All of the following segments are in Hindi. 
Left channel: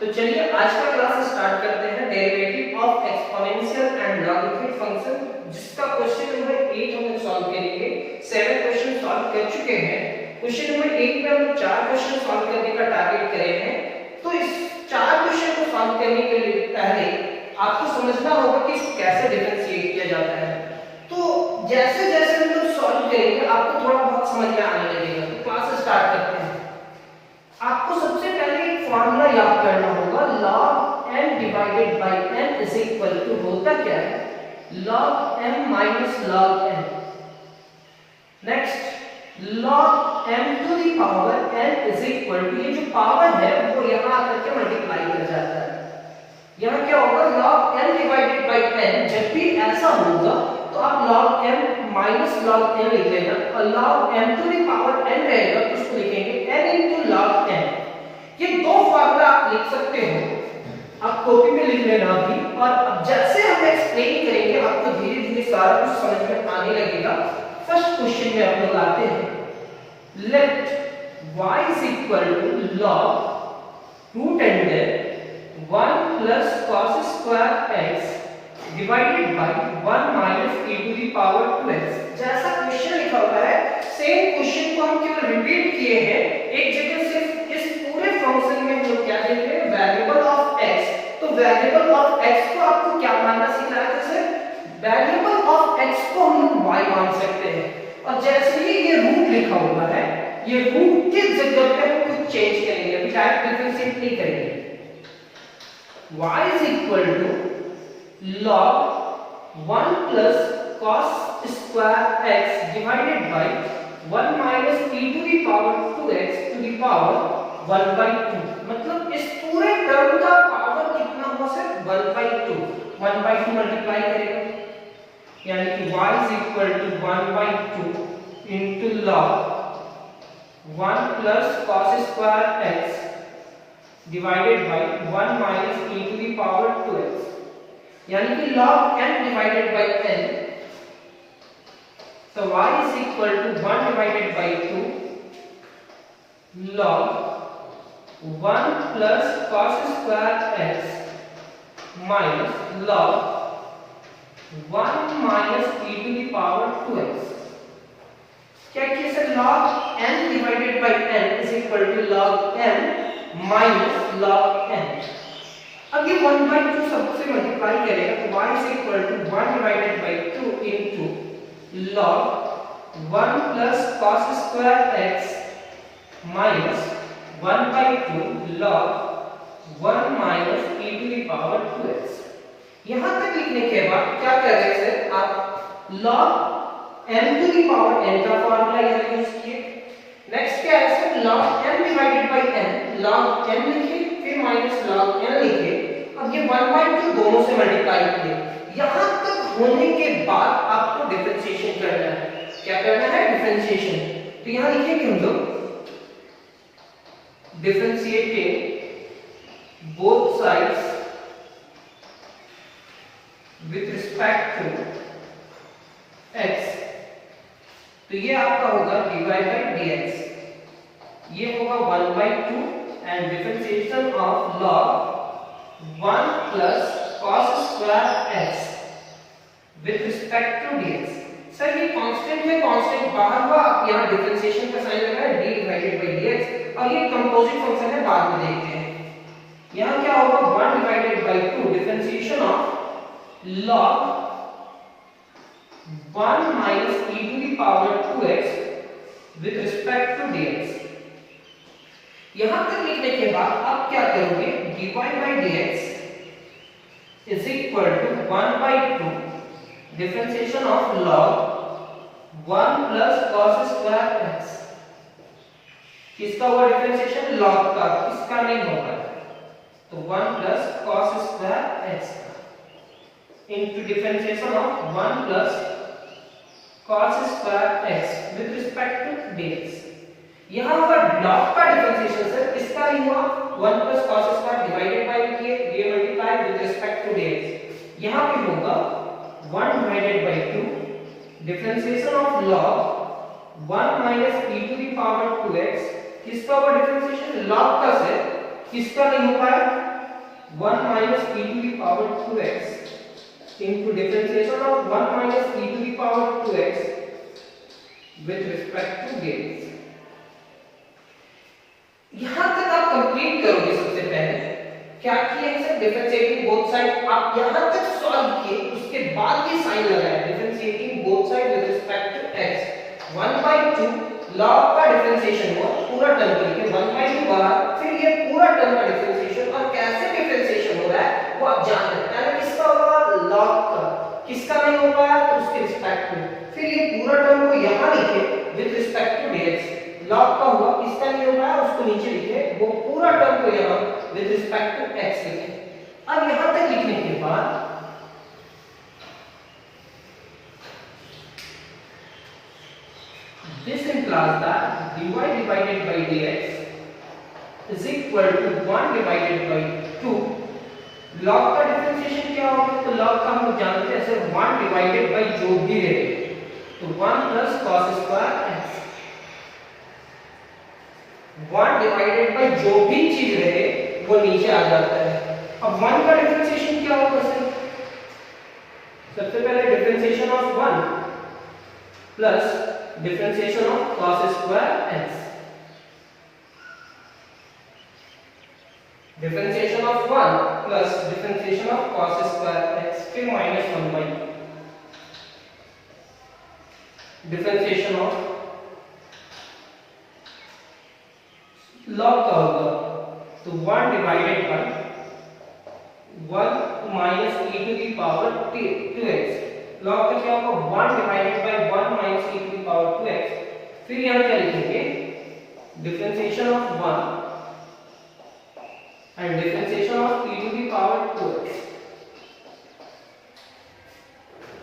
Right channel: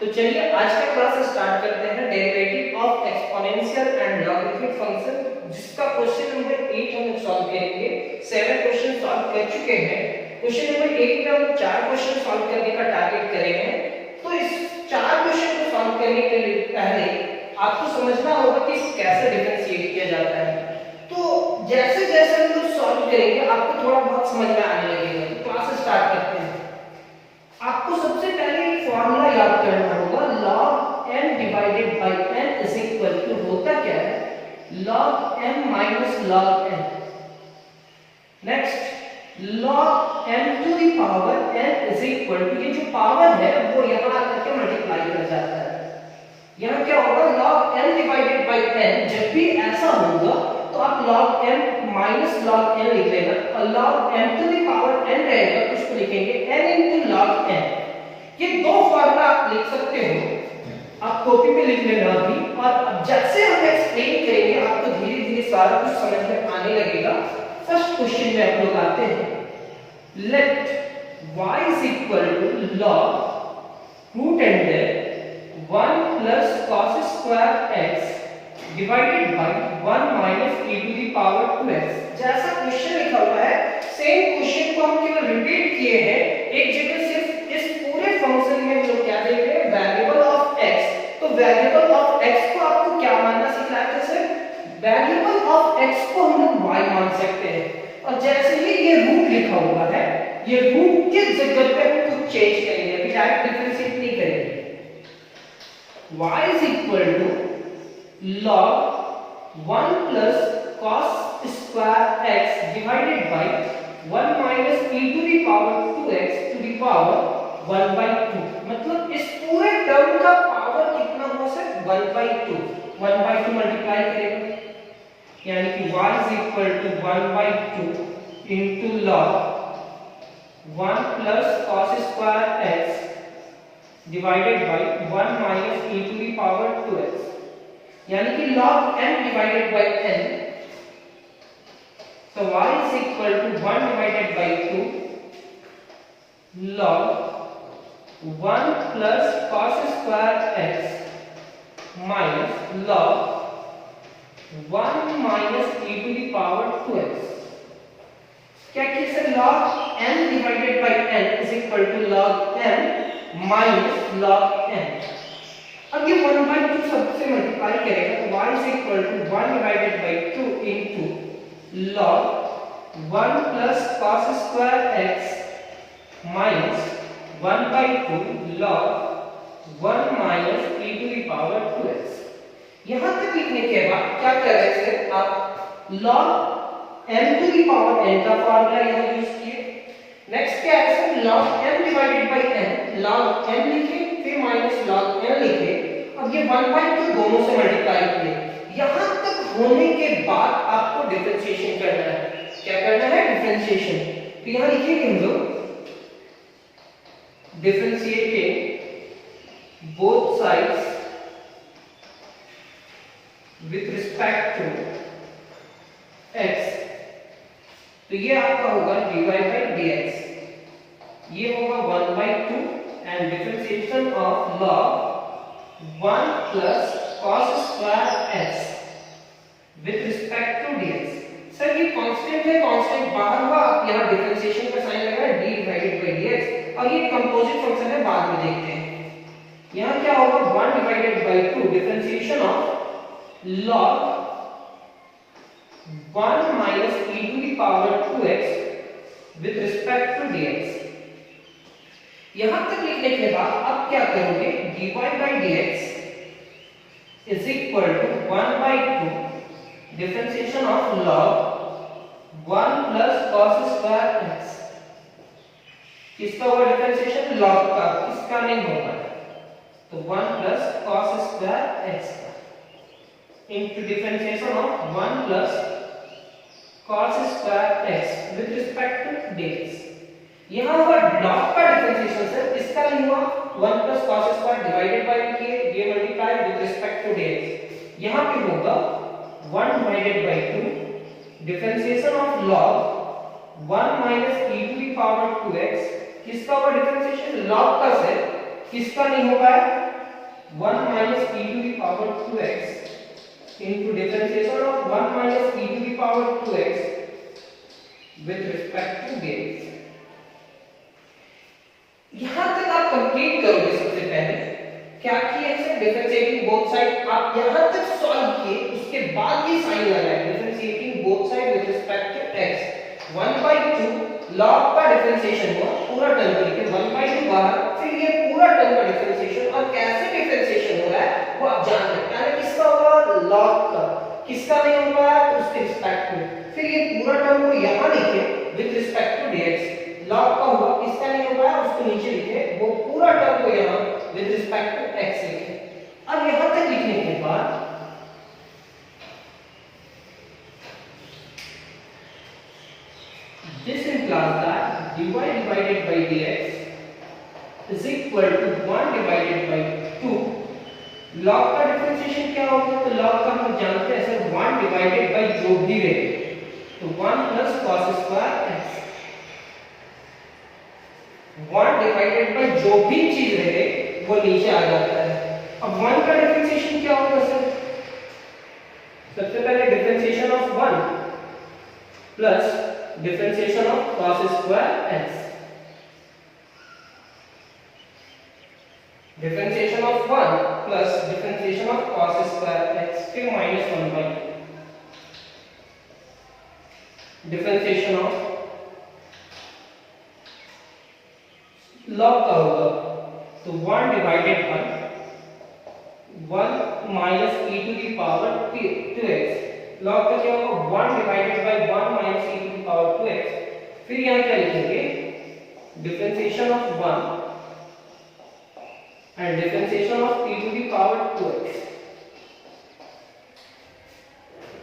तो चलिए आज का क्लास स्टार्ट करते हैं derivative of exponential and logarithmic function, जिसका क्वेश्चन नंबर 8 हम लोग सॉल्व करेंगे। 7 क्वेश्चन सॉल्व कर चुके हैं। क्वेश्चन नंबर 8 में हम 4 क्वेश्चन सॉल्व करने का टारगेट करेंगे। तो इस 4 क्वेश्चन को सॉल्व करने के लिए पहले आपको समझना होगा कि इसको कैसे डिफरेंशिएट किया जाता है। तो जैसे जैसे हम लोग सॉल्व करेंगे आपको थोड़ा बहुत समझ में आने लगेगा। तो क्लास स्टार्ट करते हैं। आपको सबसे पहले एक फार्मूला याद करना होगा, log m divided by n is equal to होता क्या है, log m minus log n। Next log m to the power n is equal to, ये जो पावर है वो यहां आकर के मल्टीप्लाई कर जाता है। यहां क्या होगा, log m divided by n। जब भी ऐसा होगा तो आप log m minus log n लिख लेना, और log m to the power n रहेगा तो उसको लिखेंगे n into log n। ये दो फार्मूला आप लिख सकते हो, आप कॉपी में लिख लेना अभी। और अब जैसे हम एक्सप्लेन करेंगे आपको धीरे धीरे सारा कुछ समझ में आने लगेगा। फर्स्ट क्वेश्चन में हम लोग आते हैं, let y is equal to log root under 1 plus cos square x divided by 1 minus e to the power 2x। जैसा क्वेश्चन लिखा हुआ है सेम क्वेश्चन को हम केवल रिपीट किए हैं, एक जगह सिर्फ इस पूरे फंक्शन में हम लोग क्या देख रहे हैं, वेरिएबल ऑफ x। तो वेरिएबल ऑफ x को आपको क्या मानना सिखाया था सर, वेरिएबल ऑफ x को हम लोग y मान सकते हैं। और जैसे ही ये रूट लिखा हुआ है, ये रूट के जगह पे हम कुछ चेंज करेंगे, अभी डायरेक्ट डिफरेंशिएट नहीं करेंगे। y is equal to log 1 plus cos square x divided by 1 minus e to the power 2x to the power 1 by 2। मतलब इस पूरे टर्म का पावर कितना हो सर, 1 by 2। 1 by 2 मल्टीप्लाई करेंगे, यानी कि y is equal to 1 by 2 into log 1 plus cos square x divided by 1 minus e to the power 2x, यानी कि log n divided by n। so y is equal to 1 divided by 2 log 1 plus cos square x minus log 1 minus e to the power 2x। क्या किया sir, log n divided by n is equal to log n minus log n। अब ये 1 by 2 सबसे मल्टीप्लाई करेगा तो y is equal to 1 divided by 2 into log 1 plus cos square x minus 1 by 2 log 1 minus e to the power 2x। यहां तक लिखने के बाद क्या कर रहे हैं, आप log m to the power n का फार्मूला यहां यूज किए। नेक्स्ट क्या है sir, log m divided by n, log m लिखिए फिर माइनस log n लिखिए। अब ये 1 by 2 दोनों से मल्टीप्लाई किए। यहां तक होने के बाद आपको डिफरेंशिएशन करना है। क्या करना है, डिफरेंशिएशन। तो यहां लिखिए कि हम लोग differentiating both sides with respect to x। तो ये आपका होगा dy by dx, ये होगा 1 by 2 and differentiation of log 1 plus cos square x with respect to dx। Sir ये कांस्टेंट है, कांस्टेंट बाहर हुआ, आप यहाँ डिफरेंशिएशन का साइन लगा है d डिवाइडेड बाय dx, और ये कंपोजिट फंक्शन है, बाद में देखते हैं। यहाँ क्या होगा, 1 divided by 2 differentiation of log 1 minus e to the power 2x with respect to dx। यहां तक लिखने के बाद आप क्या करोगे, dy by dx is equal to 1 by 2 differentiation of log 1 plus cos square x। किसका होगा डिफरेंशिएशन, log का, किसका नहीं होगा, तो 1 plus cos square x into differentiation of 1 plus cos square x with respect to dx। यहां हुआ log का डिफरेंशिएशन सर, इसका नहीं हुआ, 1 plus cos square divided by किए, ये multiply with respect to dx। यहां पे होगा 1 divided by 2 differentiation of log 1 minus e to the power 2x। किसका होगा डिफरेंशिएशन, log का सर, किसका नहीं हो पाया? 1 minus e to the power 2x into differentiation of 1 minus e to the power 2x with respect to dx। यहां तक आप कंप्लीट करोगे। सबसे पहले क्या किए सर? डिफरेंशिएटिंग बोथ साइड आप यहां तक सॉल्व किए, उसके बाद ये साइन लगाया differentiating both side with respect to x। 1/2 log का डिफरेंशिएशन हुआ पूरा टर्म के लिए 1/2 बाहर, फिर ये पूरा टर्म का डिफरेंशिएशन और कैसे डिफरेंशिएशन हो रहा है वो आप जान सकते हैं। किसका होगा? log का। किसका नहीं होगा? उसके रिस्पेक्ट में। फिर ये पूरा टर्म को यहां लिखे with respect to dx। log का हुआ, किसका नहीं होगा? उसको नीचे लिखे, वो पूरा टर्म को यहां विद रिस्पेक्ट टू x लिखे। अब यहां तक लिखने के बाद this implies that dy divided by dx is equal to 1 divided by 2। log का डिफरेंशिएशन क्या होगा? तो log का हम जानते हैं सर 1 डिवाइडेड बाय जो भी रहे, तो 1 plus cos square x। 1 divided bye जो भी चीज रहे वो नीचे आ जाता है। अब 1 का डिफरेंशिएशन क्या होगा सर? सबसे पहले differentiation of 1 plus differentiation of cos square x। Differentiation of 1 plus differentiation of cos square x, फिर minus 1 by differentiation of log का होगा, तो 1 divided by 1 minus e to the power 2x। log का क्या होगा? 1 divided by 1 minus e to the power 2x। फिर यहां क्या लिखेंगे? Differentiation of 1 and differentiation of e to the power 2x,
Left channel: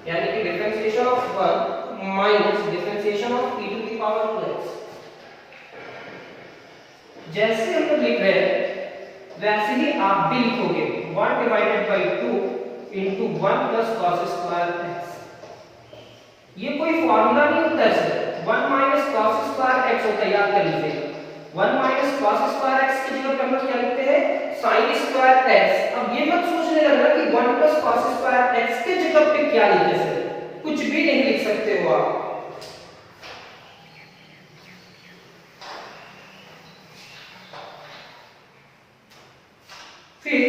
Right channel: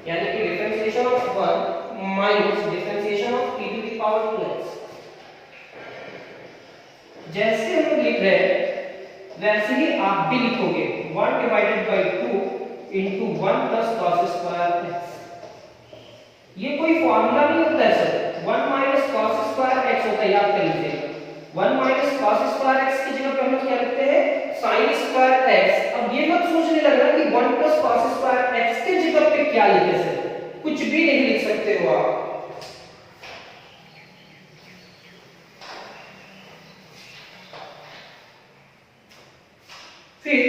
यानी कि differentiation of 1 minus differentiation of e to the power 2x। जैसे हम लोग लिख रहे हैं वैसे ही आप भी लिखोगे 1 divided by 2 into 1 plus cos square x। ये कोई फार्मूला नहीं होता है sir, 1 minus cos square x होता है, याद कर लीजिए। 1 माइनस cos स्क्वायर x की जगह पे हम लोग क्या लिखते हैं? sin square x। अब ये मत सोचने लगना कि 1 प्लस cos स्क्वायर x की जगह पे क्या लिखे सर, कुछ भी नहीं लिख सकते हो आप। फिर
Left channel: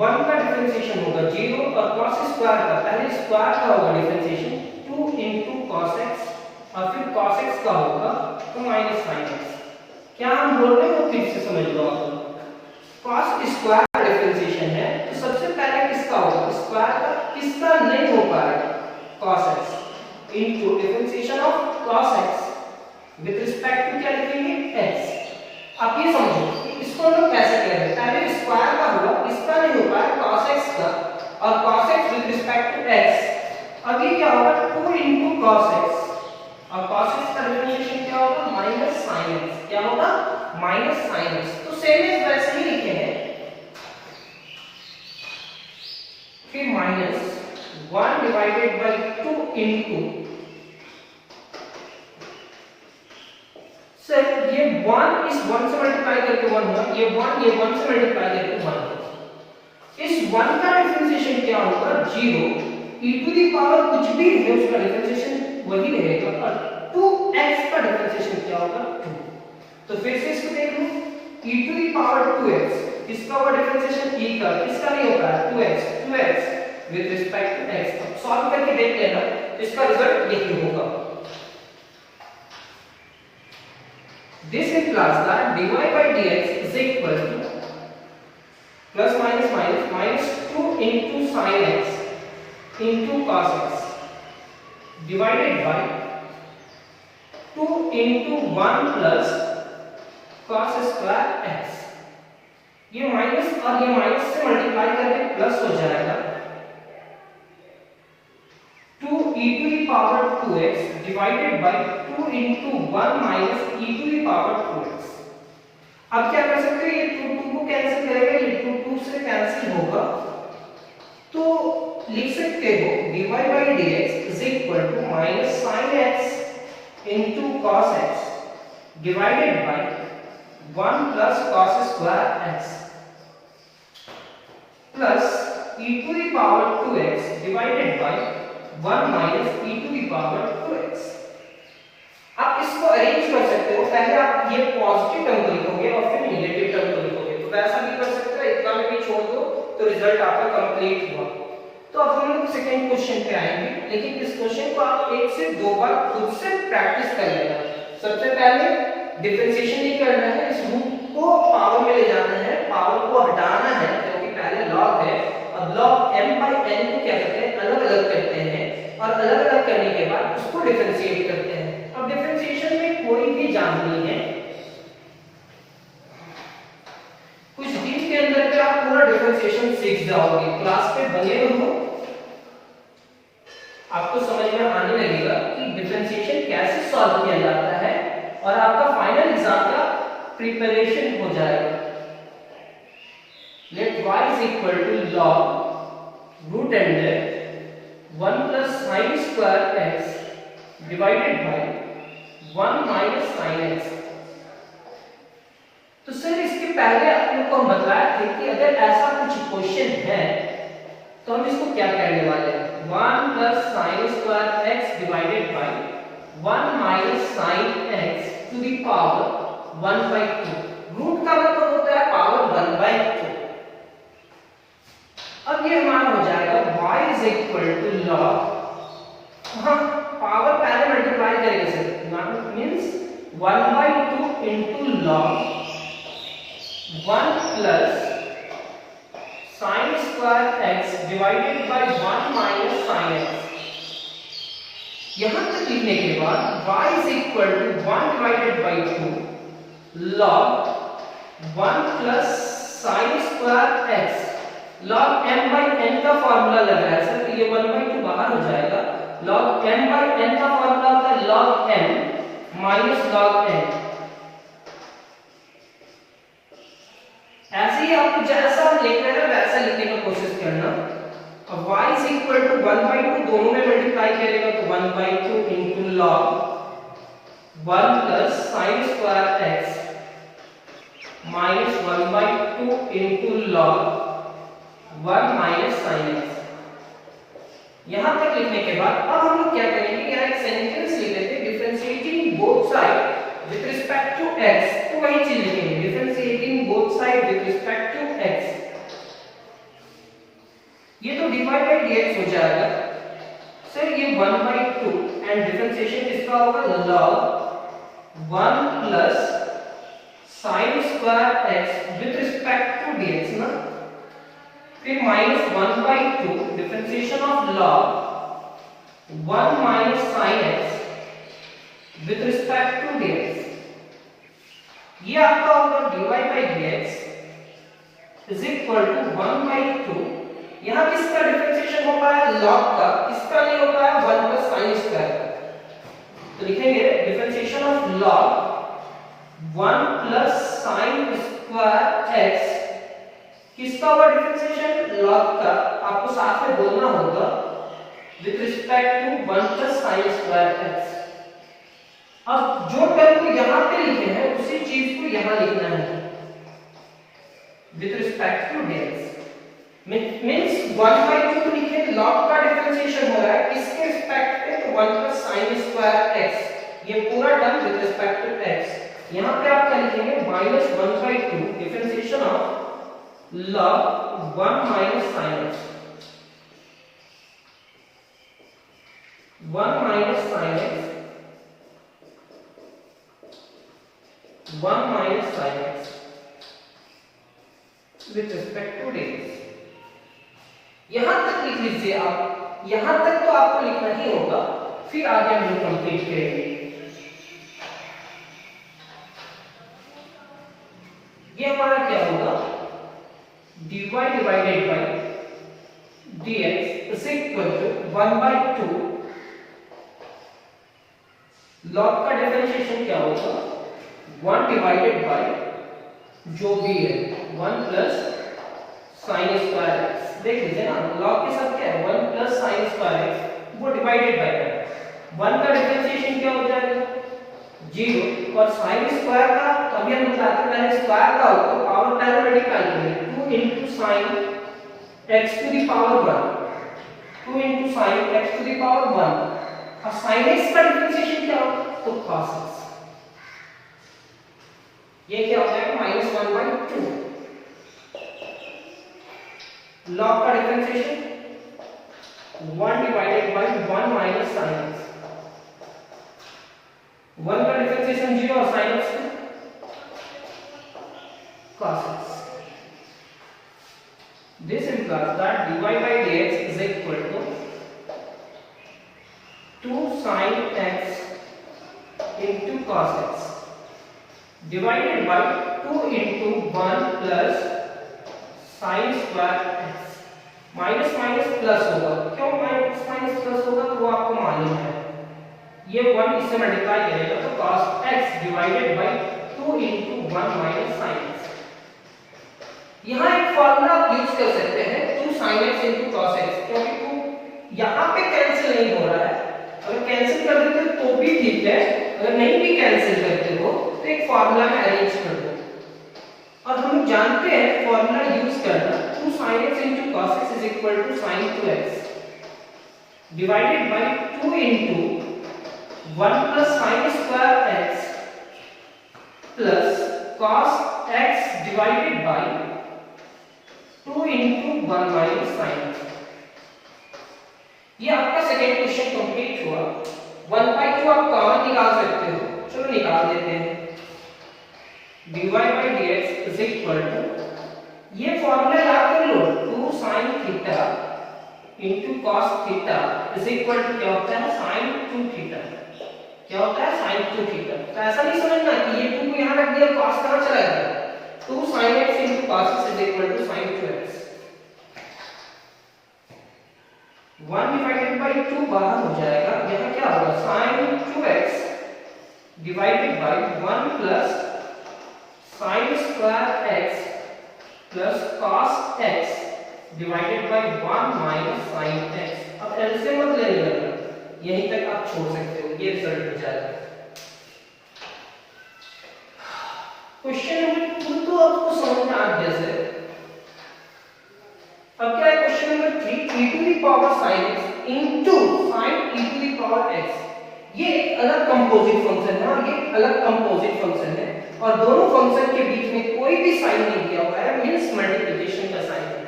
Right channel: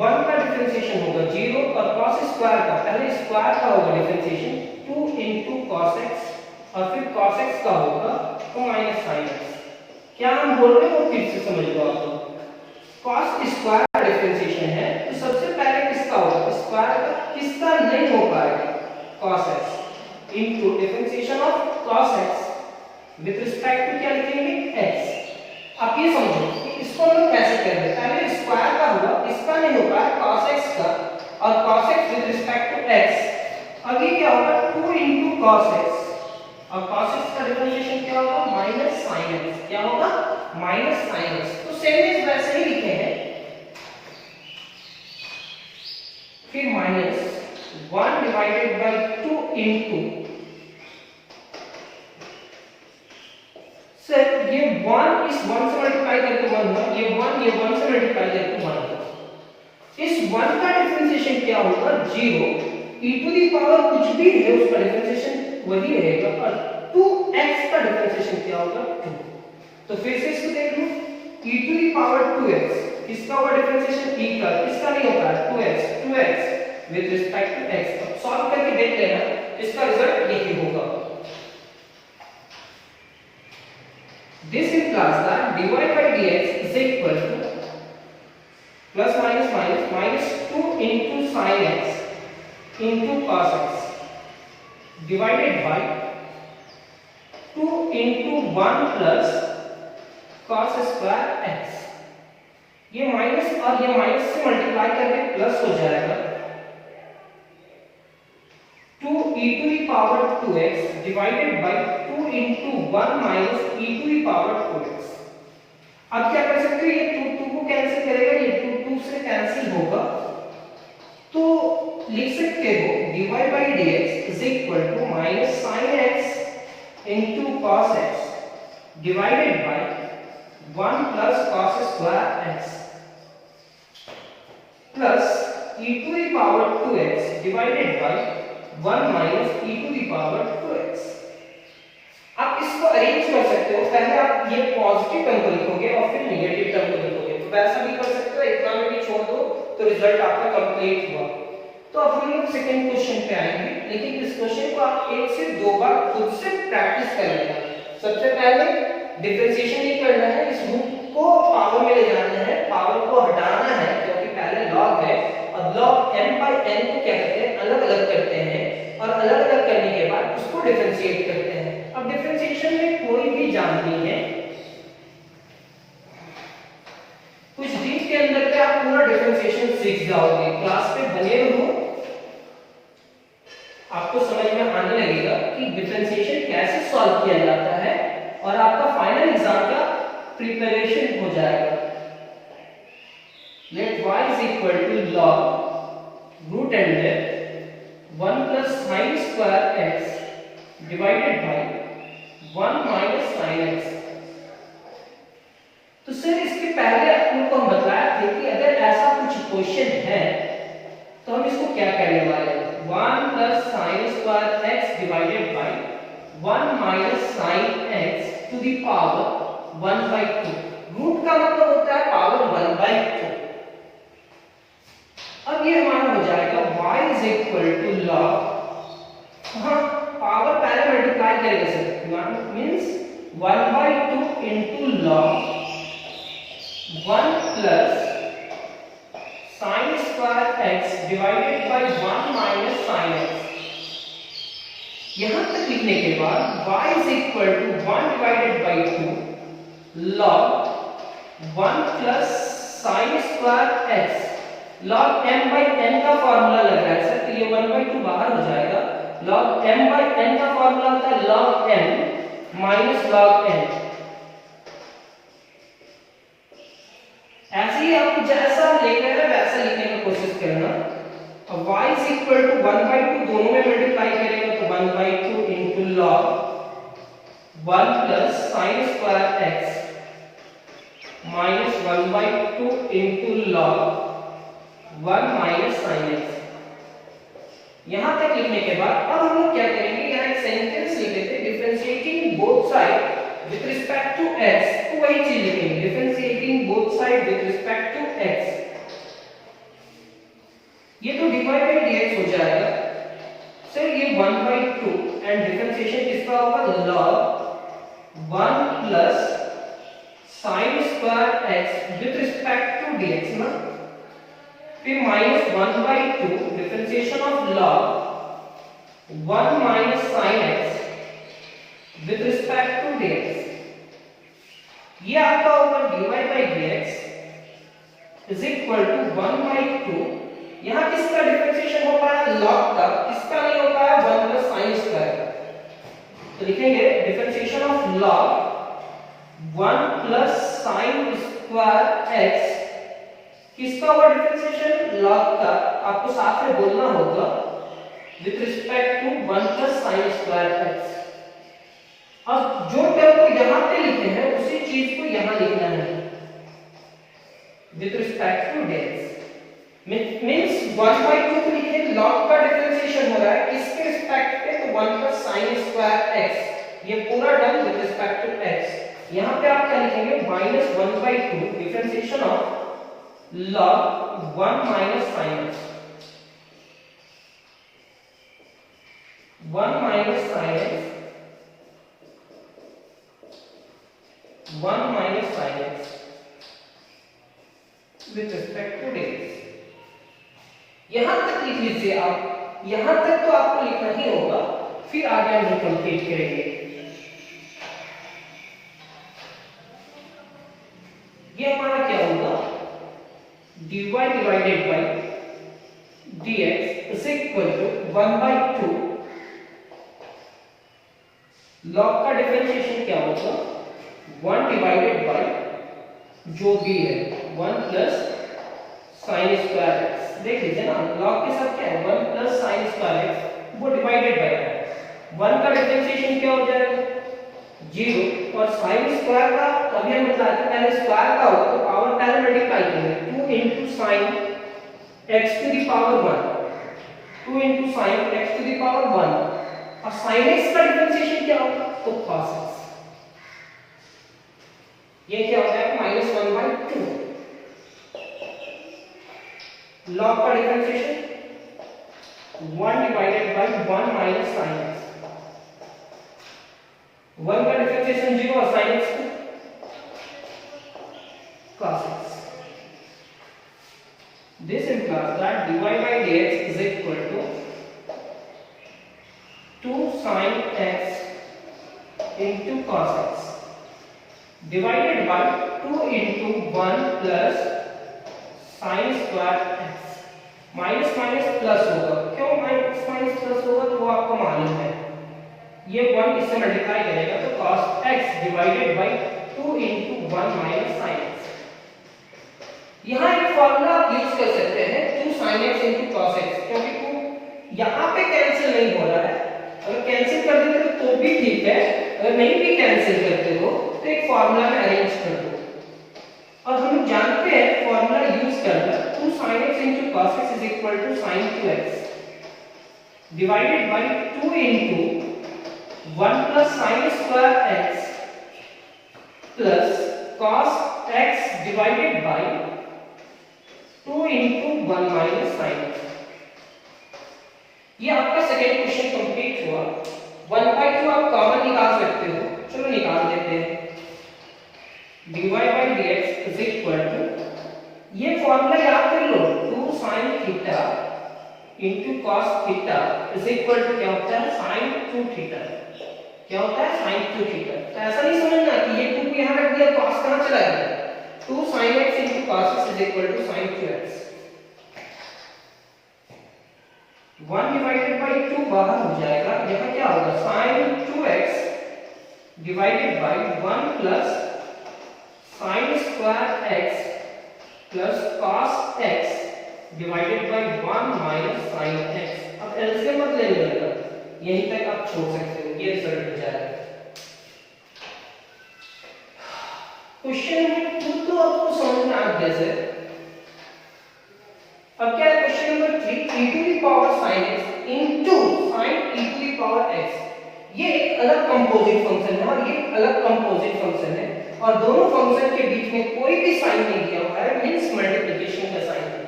1 का डिफरेंशिएशन होगा 0 और cos स्क्वायर का, पहले स्क्वायर का होगा डिफरेंशिएशन 2 इनटू cos x और फिर cos x का होगा तो माइनस sin x। क्या हम बोल रहे हो? फिर से समझ लो आप। cos स्क्वायर का डिफरेंशिएशन है तो सबसे पहले किसका होगा? स्क्वायर का। किसका नहीं हो पाएगा? cos x into differentiation of cos x with respect to क्या लिखेंगे? x। आप ये समझो इसको हम लोग कैसे कर रहे हैं? पहले स्क्वायर का हुआ, इसका नहीं हो पाया cos x का, और cos x with respect to x। अब ये क्या होगा? 2 इनटू cos x, और cos x का डिफरेंशिएशन क्या होगा? Minus sin x। क्या होगा? Minus sin x। तो सेम एज वैसे ही लिखे हैं, फिर minus 1 divided by 2 into sir ये 1 इस 1 से मल्टीप्लाई करके 1 हुआ, ये 1 से मल्टीप्लाई करके 1 हुआ। इस 1 का डिफरेंशिएशन क्या होगा? 0। e टू दी पावर कुछ भी है उसका डिफरेंशिएशन वही रहेगा, और 2x का डिफरेंशिएशन क्या होगा? 2। तो फिर से इसको देख लो, e to the power 2x, किसका होगा डिफरेंशिएशन? e का। किसका नहीं होगा? 2x with respect to x। अब सॉल्व करके देख लेना, इसका रिजल्ट यही होगा। This implies that dy by dx is equal to plus minus minus minus 2 into sin x into cos x divided by 2 into 1 plus cos square x। ये माइनस और ये माइनस से मल्टीप्लाई करके प्लस हो जाएगा 2 e to the power 2x divided by 2 into 1 minus e to the power 2x। अब क्या कर सकते हैं? ये 2 को कैंसिल करेगा, ये 2 से कैंसिल होगा, तो लिख सकते हो dy by dx is equal to minus sin x into cos x divided by 1 plus cos square x। Plus e to the power 2x divided by 1 minus e to the power 2x। आप इसको अरेंज कर सकते हो, पहले आप ये पॉजिटिव टर्म को लिखोगे और फिर नेगेटिव टर्म को लिखोगे, तो वैसा भी कर सकते हो, इतना में भी छोड़ दो तो रिजल्ट आपका कंप्लीट हुआ। तो अब हम लोग सेकंड क्वेश्चन पे आएंगे, लेकिन इस क्वेश्चन को आप एक से दो बार खुद से प्रैक्टिस कर लेना। सबसे पहले डिफरेंशिएशन नहीं करना है, इस रूट को पावर में ले जाना है, पावर को हटाना है क्योंकि पहले लॉग है, और लॉग m by n को क्या करते हैं, अलग अलग करते हैं, और अलग अलग करने के बाद उसको डिफरेंशिएट करते हैं। अब डिफरेंशिएशन में कोई भी जान नहीं है, कुछ दिन के अंदर पे आप पूरा डिफरेंशिएशन सीख जाओगे, क्लास पे बने रहो, आपको समझ में आने लगेगा कि डिफरेंशिएशन कैसे सॉल्व किया जाता है, और आपका फाइनल एग्जाम का प्रिपरेशन हो जाएगा। Let y is equal to log root under 1 plus sin square x divided by 1 minus sin x। तो सर इसके पहले आप लोग को हम बताया थे कि अगर ऐसा कुछ क्वेश्चन है तो हम इसको क्या करने वाले हैं, 1 plus sin square x divided by 1 minus sin x to the power 1 by 2। Root का मतलब होता है पावर 1 by 2। अब ये हमारा हो जाएगा y is equal to log, हाँ पावर पहले मल्टीप्लाई करेंगे sir, means 1 by 2 into log 1 plus sin square x divided by 1 minus sin x। यहां तक लिखने के बाद y is equal to 1 divided by 2 log 1 plus sin square x। log m by n का फार्मूला लग रहा है सर, तो ये 1 by 2 बाहर हो जाएगा, log m by n का फार्मूला होता है log m minus log n। ऐसे ही आपको जैसा लेकर है वैसा लिखने की कोशिश करना। अब y is equal to 1 by 2 दोनों में मल्टीप्लाई करेगा तो 1 by 2 into log 1 plus sin square x minus 1 by 2 into log 1 minus sin x। यहां तक लिखने के बाद अब हम लोग क्या करेंगे, यहां एक सेंटेंस लिख लेते हैं, differentiating both side with respect to x, तो वही चीज लिखेंगे, differentiating both side with respect to x। ये तो dy by dx हो जाएगा सर, ये 1 by 2 एंड डिफरेंशिएशन किसका होगा, log 1 plus sin square x with respect to dx ना, फिर minus 1 by 2 differentiation of log 1 minus sin x with respect to dx। ये आपका होगा dy by dx is equal to 1 by 2। यहां किसका डिफरेंशिएशन हो पाया, log का, किसका नहीं हो पाया, 1 plus sin square। तो लिखेंगे differentiation of log 1 plus sin square x, किसका होगा डिफरेंशिएशन, log का, आपको साथ में बोलना होगा with respect to 1 plus sin square x। अब जो टर्म को यहां पे लिखे हैं उसी चीज को यहां लिखना है with respect to dx। Means 1 by 2 को लिखे, log का डिफरेंशिएशन हो रहा है किसके रिस्पेक्ट पे, तो 1 plus sin square x, ये पूरा term with respect to x। यहां पे आप क्या लिखेंगे, minus 1 by 2 differentiation of log 1 minus sin x, 1 minus sin x, 1 minus sin x with respect to dx। यहां तक लिख लीजिए आप, यहां तक तो आपको लिखना ही होगा, फिर आगे हम लोग कंप्लीट करेंगे। ये हमारा क्या होगा, dy divided by dx is equal to 1 by 2 log का डिफरेंशिएशन क्या होगा, 1 divided by जो भी है 1 plus sin square x। देख लीजिए ना, log के साथ क्या है, 1 plus sin square x, वो डिवाइडेड बाय 1 का डिफरेंशिएशन क्या हो जाएगा, 0, और sin स्क्वायर का तो अभी हम बताते हैं पहले स्क्वायर का होगा तो पावर पहले मल्टीप्लाई करेंगे, 2 into sin x to the power 1, 2 into sin x to the power 1। अब sin x का डिफरेंशिएशन क्या होगा, तो cos x, ये क्या हो जाएगा -1/2। log का differentiation 1 divided by 1 minus sin x, 1 का डिफरेंशिएशन 0 और sin x cos x। This implies that dy by dx is equal to 2 sin x into cos x divided by 2 into 1 plus sin square x। Minus minus plus होगा, क्यों माइनस माइनस प्लस होगा, तो वो आपको मालूम है, ये 1 इससे मल्टीप्लाई करेगा तो cos x divided by 2 into 1 minus sin x। यहाँ एक फॉर्मूला आप यूज कर सकते हैं 2 sin x into cos x, क्योंकि 2 यहाँ पे कैंसिल नहीं हो रहा है, अगर कैंसिल कर देते तो भी ठीक है, अगर नहीं भी कैंसिल करते हो तो एक फॉर्मूला में अरेंज कर दो। और हम लोग जानते हैं फॉर्मूला यूज करना 2 sin x into cos x is equal to sin 2x divided by 2 into 1 plus sin square x plus cos x divided by 2 into 1 minus sin x। ये आपका सेकेंड क्वेश्चन कंप्लीट हुआ। 1/2 आप कॉमन निकाल सकते हो, चलो निकाल देते हैं। dy by dx is equal to, ये फॉर्मूला याद कर लो, 2 sin theta into cos theta is equal to क्या होता है sin 2 थीटा, क्या होता है sin 2 थीटा। तो ऐसा नहीं समझना कि ये 2 को यहां रख दिया, cos कहां चला गया, 2 sin x into cos x is equal to sin 2x। 1 divided by 2 बाहर हो जाएगा, यहाँ क्या होगा sin 2x divided by 1 plus sin square x plus cos x divided by 1 minus sin x। अब एलसीएम मत लेने लगा, यहीं तक आप छोड़ सकते हो, ये रिजल्ट हो जाएगा। क्वेश्चन नंबर 2 तो आपको समझ में आ गया सर। अब क्या है question number 3, e to the power sin x into sin e to the power x। ये एक अलग कंपोजिट फंक्शन है और ये अलग कंपोजिट फंक्शन है, और दोनों फंक्शन के बीच में कोई भी साइन नहीं दिया हुआ है, मींस मल्टीप्लिकेशन का साइन है।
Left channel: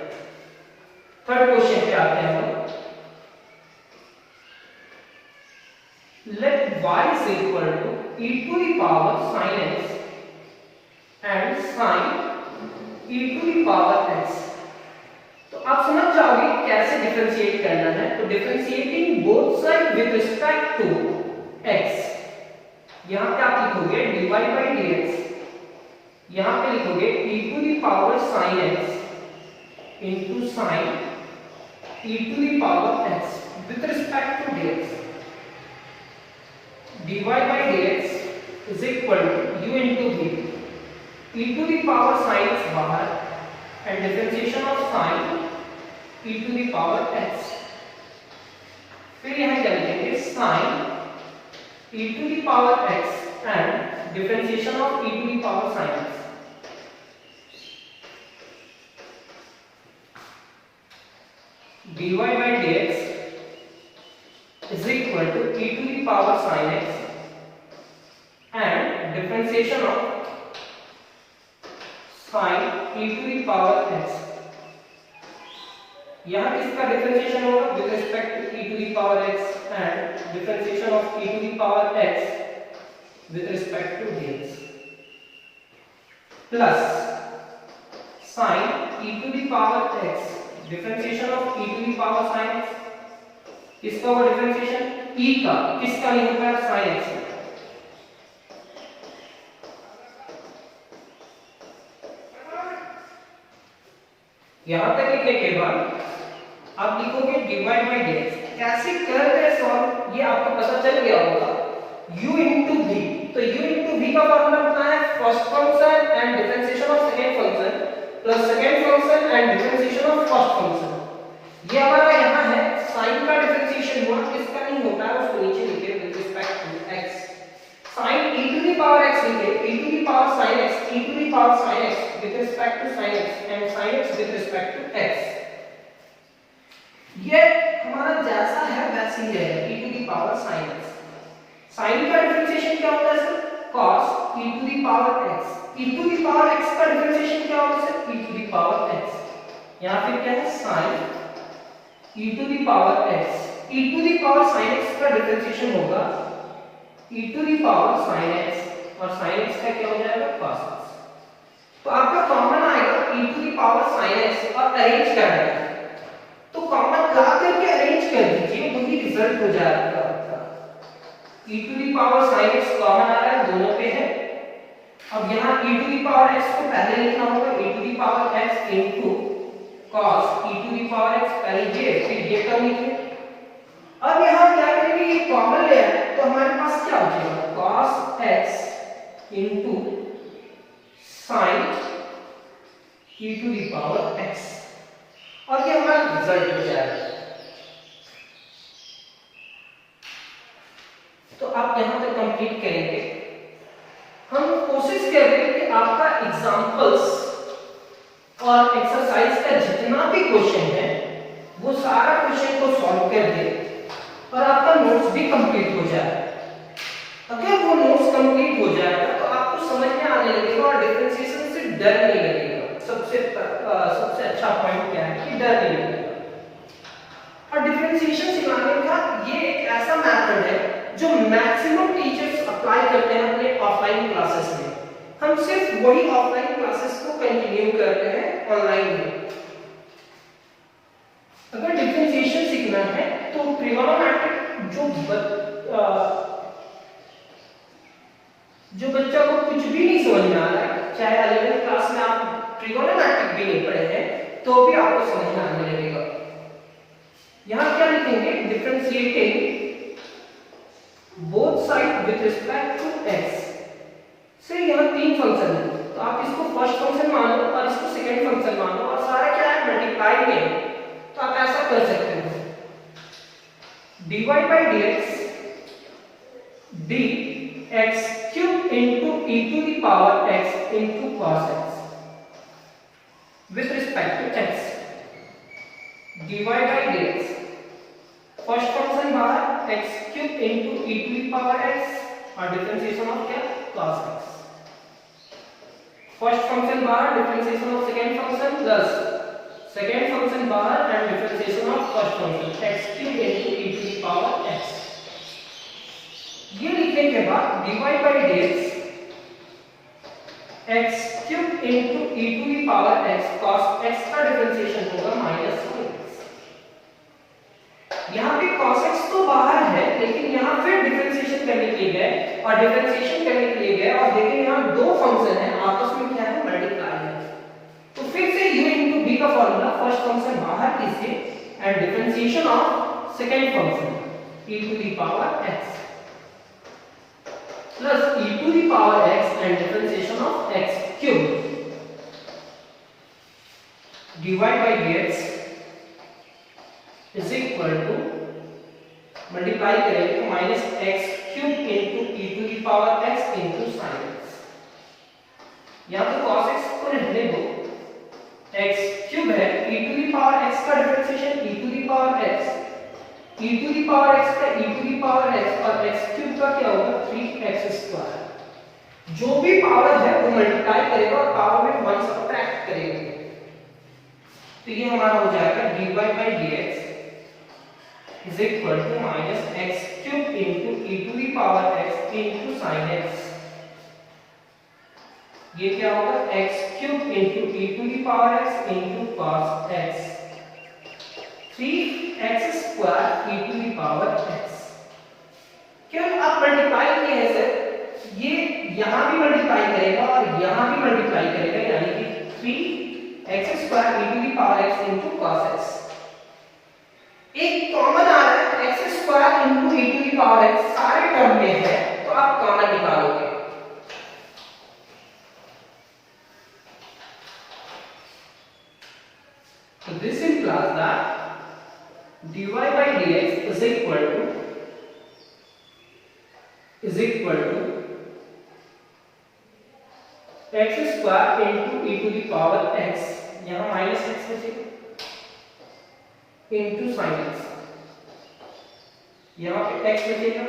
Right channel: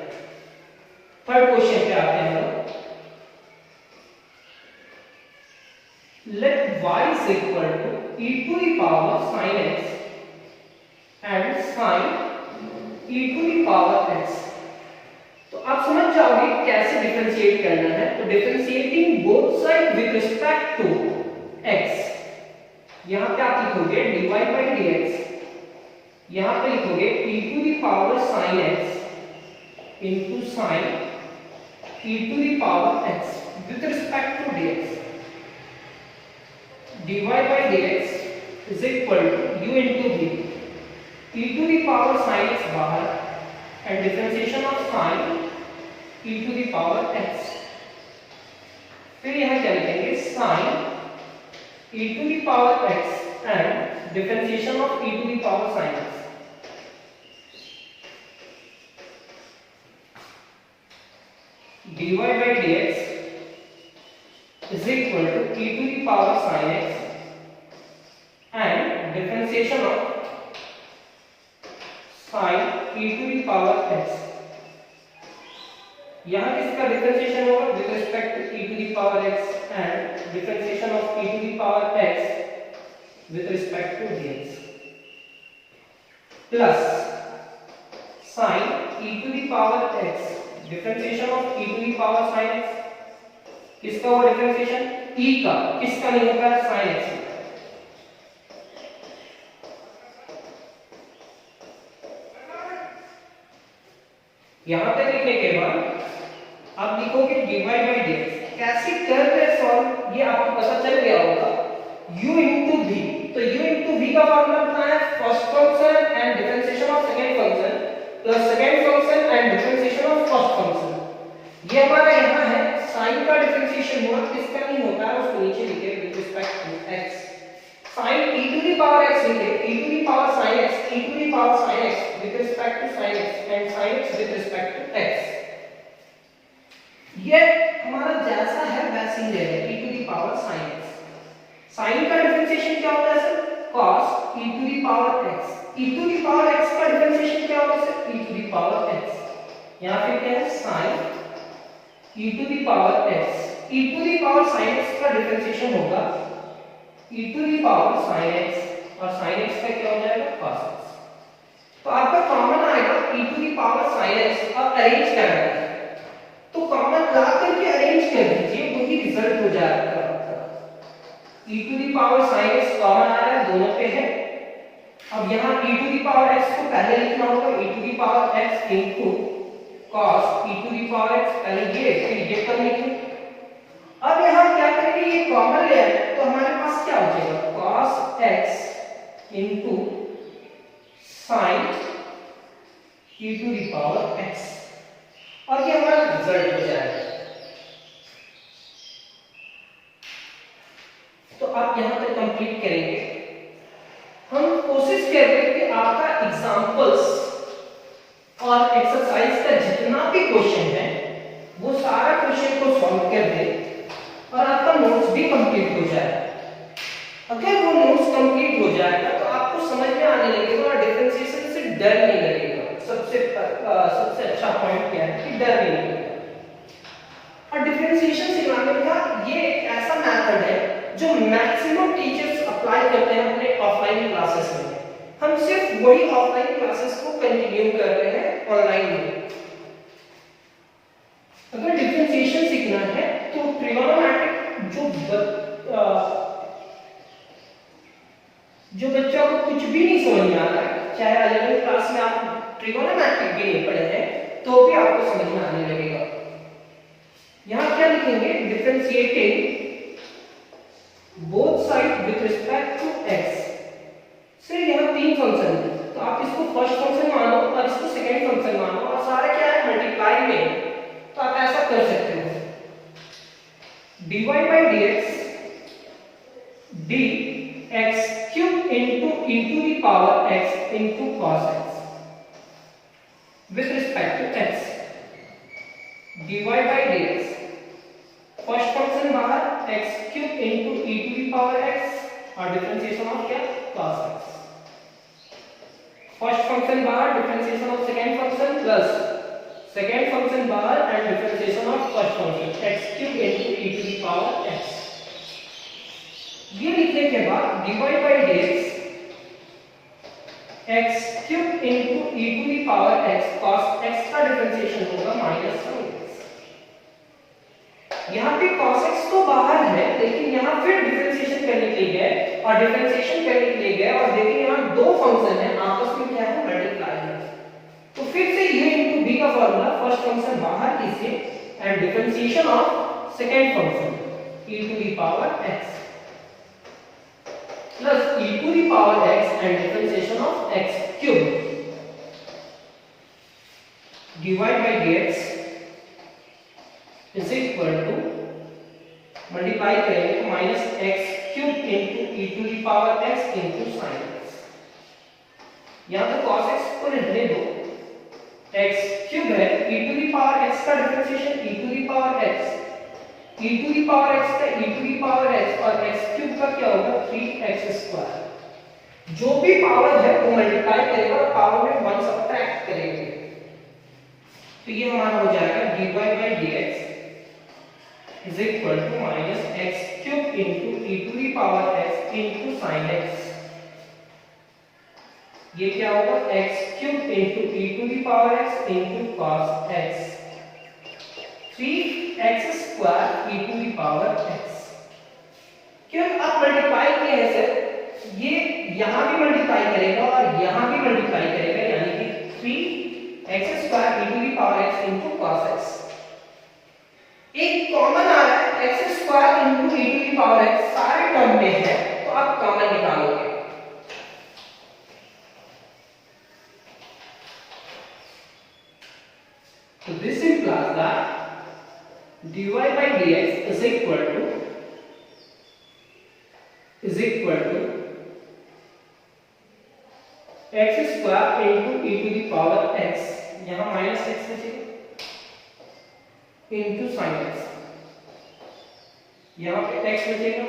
थर्ड क्वेश्चन पे आते हैं हम। Let y is equal to e to the power sin x and sin e to the power x। तो आप समझ जाओगे कैसे डिफरेंशिएट करना है। तो differentiating both side with respect to x, यहां पे आप लिखोगे dy by dx, यहां पे लिखोगे e to the power sin x into sin e to the power x with respect to dx। dy by dx is equal to u into v, e to the power sin x बाहर and differentiation of sin e to the power x। फिर यहां क्या लिखेंगे sin e to the power x and differentiation of e to the power sin x। dy by dx is equal to e to the power sin x and differentiation of sin e to the power x। यहां किसका डिफरेंशिएशन होगा with respect to e to the power x and differentiation of e to the power x with respect to dx plus sin e to the power x differentiation of e to the power sin x। किसका वो डिफरेंशिएशन e का, किसका नहीं होता है sin x। यहां तक लिखने के बाद आप लिखोगे dy by dx। कैसे कर रहे सॉल्व ये आपको पता चल गया होगा, u into v। तो u into v का फॉर्मूला कितना है, first function and differentiation of second function plus second function and differentiation of first function. ये हमारा यहाँ है sin का डिफरेंशिएशन हुआ, किसका नहीं होता है उसको नीचे लिखे with respect to x। sin e to the power x लिखे e to the power sin x, e to the power sin x with respect to sin x and sin x with respect to x। ये हमारा जैसा है वैसे ही रहेगा, e to the power sin x। sin का डिफरेंशिएशन क्या होता है sir? cos e to the power x। e to the power x का डिफरेंशिएशन क्या होगा sir? e to the power x। यहाँ पे क्या है? sin e to the power x। e to the power sin x का डिफरेंशिएशन होगा e to the power sin x, और sin x का क्या हो जाएगा? cos x। तो आपका कॉमन आएगा e to the power sin x और अरेंज करना है, तो कॉमन ला करके अरेंज कर दीजिए, वही रिजल्ट हो जाएगा आपका। e to the power sin x common आ रहा है, दोनों पे है। अब यहाँ e to the power x को पहले लिखना होगा e to the power x into cos e to the power x, पहले ये फिर ये टर्म लिखें। अब यहाँ क्या करेंगे, ये कॉमन ले आए तो हमारे पास क्या हो जाएगा? cos x into sin e to the power x, और ये हमारा रिजल्ट हो जाएगा। तो आप यहां पर कंप्लीट करेंगे। हम कोशिश करेंगे कि आपका एग्जांपल्स और एक्सरसाइज का जितना भी क्वेश्चन है वो सारा क्वेश्चन को सॉल्व कर दे और आपका नोट्स भी कंप्लीट हो जाए। अगर वो नोट्स कंप्लीट हो जाएगा तो आपको समझ में आने लगेगा और डिफरेंशिएशन से डर नहीं लगेगा। सबसे अच्छा पॉइंट क्या है कि डर नहीं लगेगा। और डिफरेंशिएशन सिखाने का ये एक ऐसा मेथड है जो मैक्सिमम टीचर्स अप्लाई करते हैं अपने ऑफलाइन क्लासेस में। हम सिर्फ वही ऑफलाइन क्लासेस को कंटिन्यू कर रहे हैं ऑनलाइन में। अगर डिफरेंशिएशन सीखना है तो ट्रिगोनोमेट्रिक जो बच्चा को कुछ भी नहीं समझ में आ रहा है, चाहे 11वीं क्लास में आप ट्रिगोनोमेट्रिक भी नहीं पढ़े हैं तो भी आपको समझ में आने लगेगा। यहां क्या लिखेंगे? Differentiating both side with respect to x। Sir यहाँ तीन फंक्शन है, तो आप इसको फर्स्ट फंक्शन मानो और इसको सेकंड फंक्शन मानो, और सारा क्या है? मल्टीप्लाई में। तो आप ऐसा कर सकते हो, dy by dx dx cube into e to the power x into cos x with respect to x। dy by dx first function बाहर x cube into e to the power x और डिफरेंशिएशन ऑफ क्या? cos x। फर्स्ट फंक्शन बाहर, differentiation of second function plus second function बाहर and differentiation of first function x cube into e to the power x। ये लिखने के बाद dy by dx x cube into e to the power x cos x का डिफरेंशिएशन होगा -1x। यहाँ पे cos x तो बाहर है, लेकिन यहाँ फिर डिफरेंशिएशन करने के लिए गए और डिफरेंशिएशन करने के लिए गए और देखिए यहाँ दो फंक्शन है, आपस में क्या है? मल्टीप्लाई है। तो फिर से a into b का फॉर्मूला, फर्स्ट फंक्शन बाहर कीजिए and differentiation of second function e to the power x plus e to the power x and differentiation of x cube dy by dx is equal to multiply करेंगे तो minus x cube into e to the power x into sin x। यहाँ तो cos x को रहने दो, x क्यूब है, e to the power x का differentiation e to the power x, e to the power x का e to the power x और x क्यूब का क्या होगा? 3x square. जो भी पावर है वो मल्टीप्लाई करेगा और पावर में 1 सब्ट्रैक्ट करेंगे, तो ये हमारा हो जाएगा dy by dx is equal to minus x cube into e to the power x into sin x। ये क्या होगा? x cube into e to the power x into cos x 3x square e to the power x। क्यों आप मल्टीप्लाई किए हैं सर? ये यहां भी मल्टीप्लाई करेगा और यहां भी मल्टीप्लाई करेगा, यानी कि 3x square e to the power x into cos x। एक कॉमन आ रहा है x square into e to the power x, सारे टर्म में है, तो आप कॉमन निकालोगे। तो this implies that dy by dx is equal to x square into e to the power x। यहां माइनस x बचेगा इंटू साइन एक्स, यहाँ पे x बचेगा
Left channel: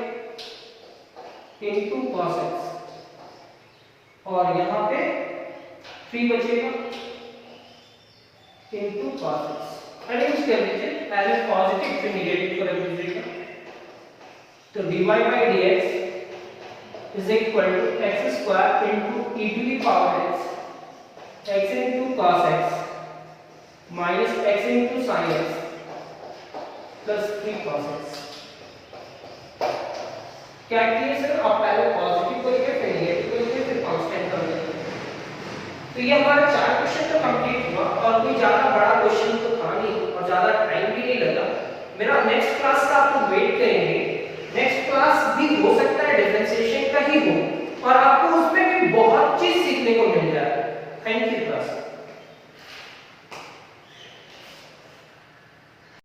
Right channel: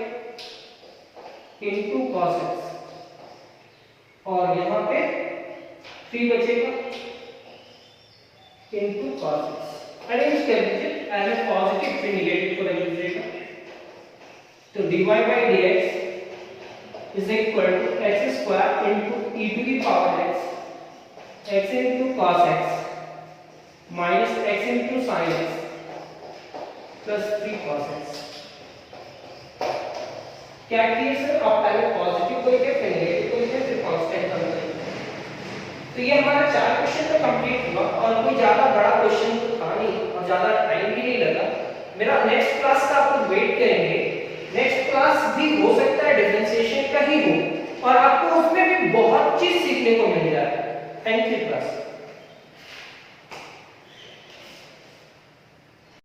इंटू कॉस एक्स और यहाँ पे 3 बचेगा इंटू कॉस एक्स। अरेंज कर लीजिए as a positive to negative को रख दीजिएगा। तो dy by dx is equal to x square into e to the power x into cos x minus x into sin x plus 3 cos x। क्या किए सर, आप पहले पॉजिटिव को लेके फिर नेगेटिव को लेके फिर कांस्टेंट का लेके। तो ये हमारा 4 क्वेश्चन तो कंप्लीट हुआ और कोई ज्यादा बड़ा क्वेश्चन तो था नहीं और ज्यादा टाइम भी नहीं लगा। मेरा नेक्स्ट क्लास का आप लोग वेट करेंगे, नेक्स्ट क्लास भी हो सकता है डिफरेंशिएशन का ही हो और आपको उसमें भी बहुत चीज सीखने को मिल जाए। Thank you class.